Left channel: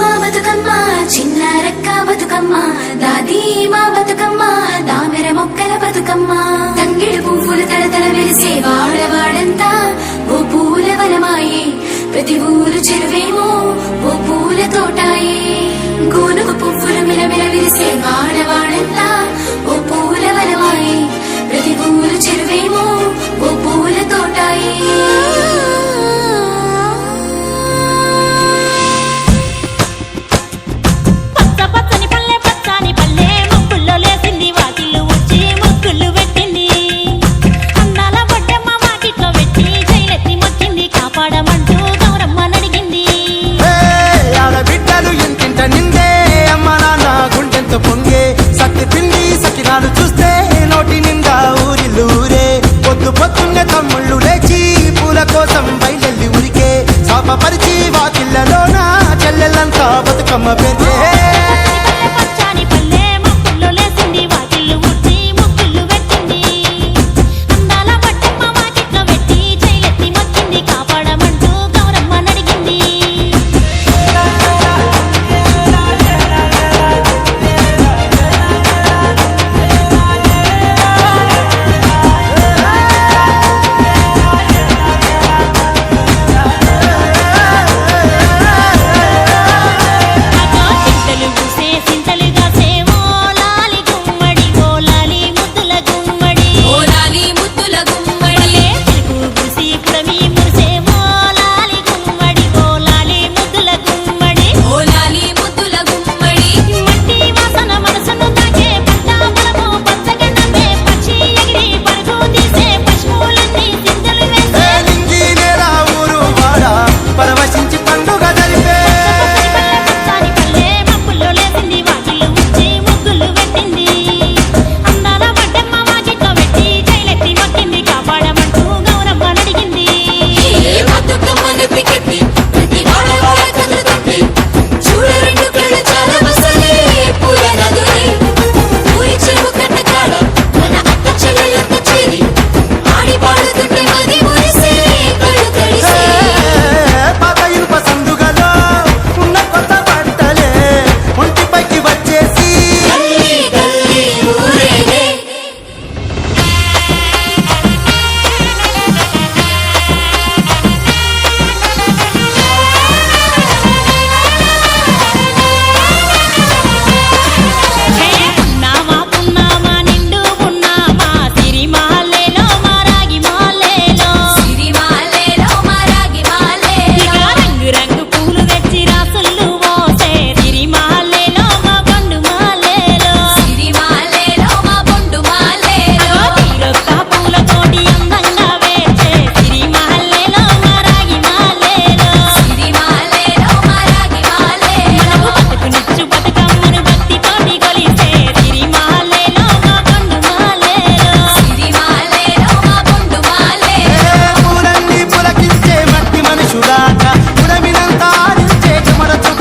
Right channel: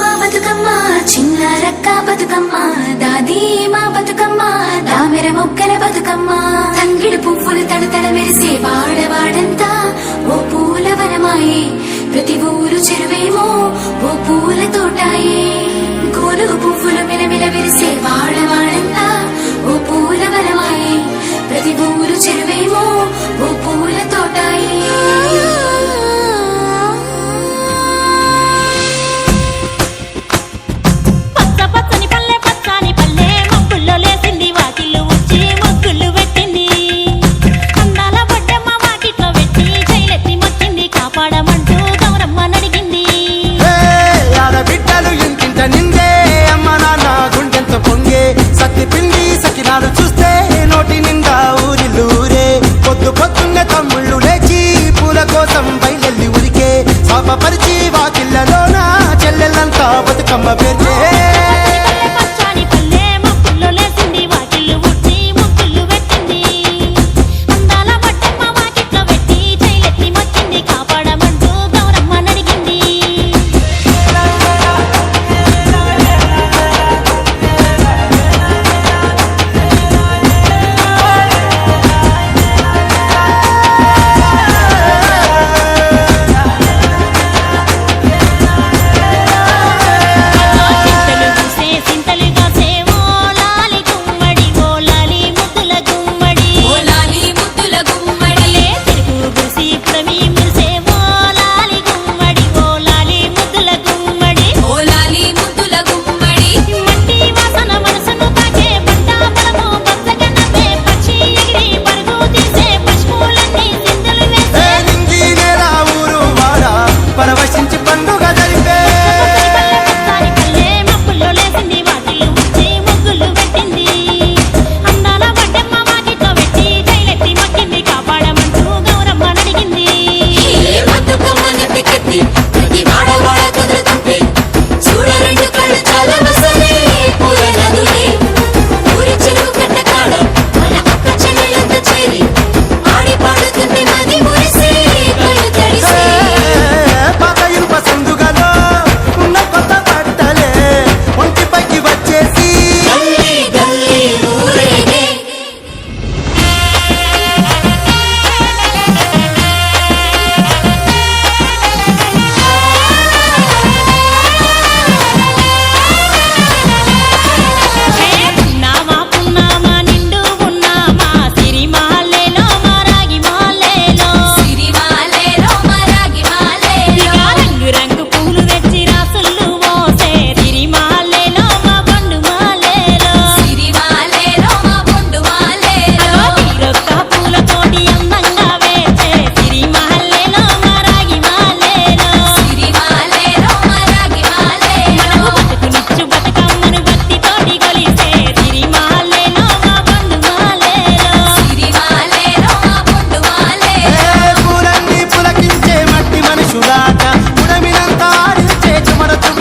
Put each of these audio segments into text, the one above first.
మా బతుకమ్మ చిన్న రక్క బతుకమ్మ దాది మా బతుకమ్మ దామెర మొక్కల బతుకమ్మ. సత్తుతో పొంగే సత్తి పిండి సకినాలు చూస్తే నోటి నిండా ఊరి లూరే పొద్దు పొద్దున్న తమ్ముళ్ళు లేచి పూల కోసం బయలెల్లి ఉరికే. శాపపరిచి వాకిళ్ళలోనా చెల్లెళ్ళంతా బతుకమ్మ పేర్చే.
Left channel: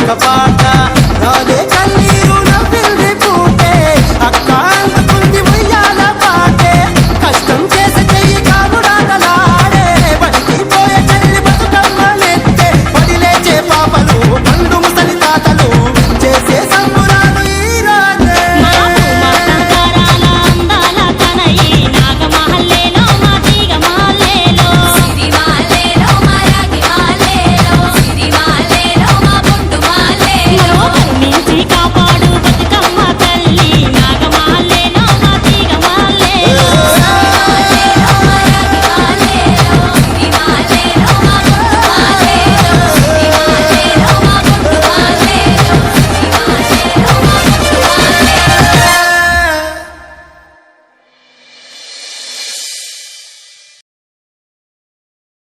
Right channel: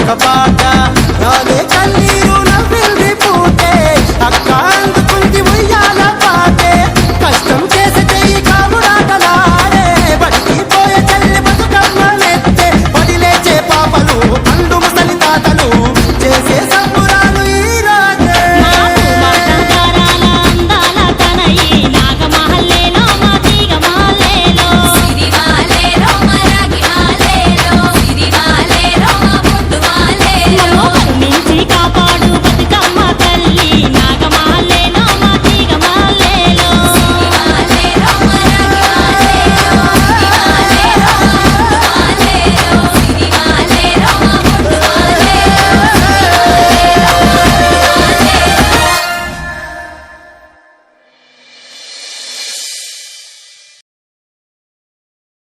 கபால 你高吧？